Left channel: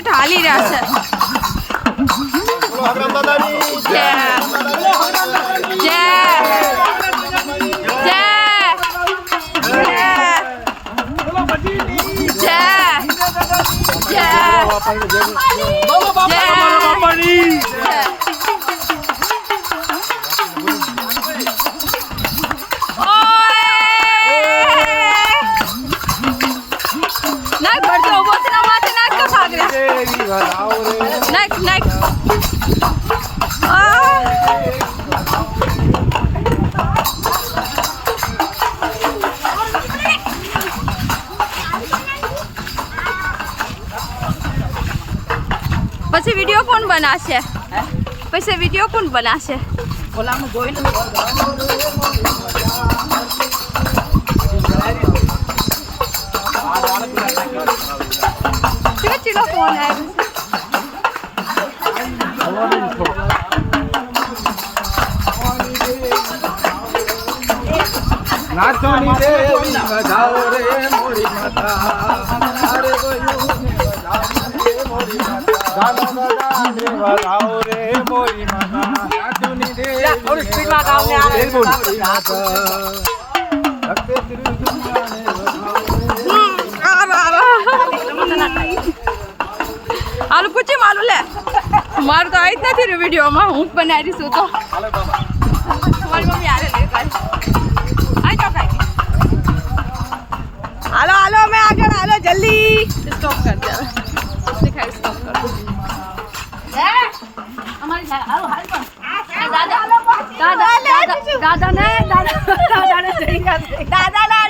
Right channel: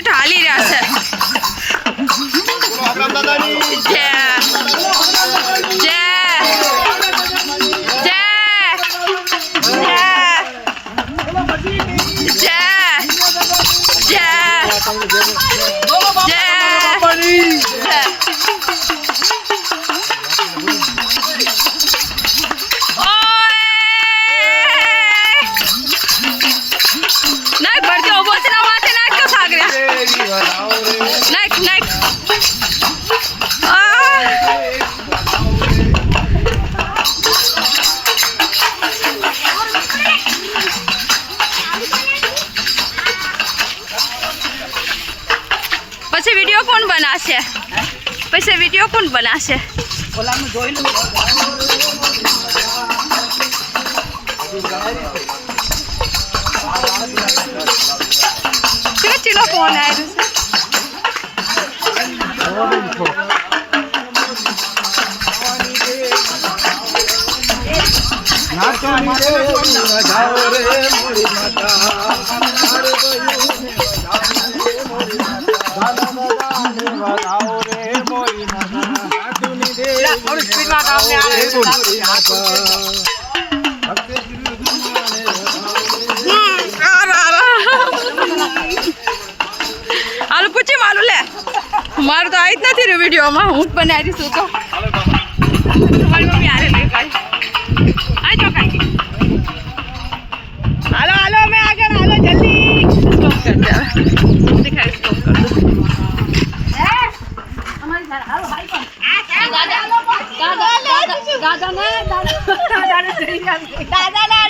ઢાલી રહ્યા છે જય જય જય નાખ ભરજો ઉભો છે ના માથે નાખ તો સાગર્યા નાખ નાખ પછી વિડિયો કોણ બનાવશે પછી વિડિયો કોણ બનાવશે ઓલામાં જોઈ લો કેવો ચીલો ફોન આવ્યો નાચોની રે જાઓ રે મોરી માતા દાદા રે વગાઓ રે મોરી માતા નાચોની રે થોડી સ્પીડ ના ગાઓ રે મોરી માતા ભક્તિ આલુ પૂછી માલું લે મારું તો આવી જ નથી રહ્યું વિડીયોમાં હું જ બનાવી દઈશું તો તમારી મમ્મી હારે લઈ કાઢી આ જો કાંઈ હાલો હાલો અમે આગળ હાલો જલ્દી સ્ટોપ કર દે દેખાય સ્ટોપ કર અમારી હાલો હાલ પણ દાદા દાદા દાદા દાદા ને દાદા દાદા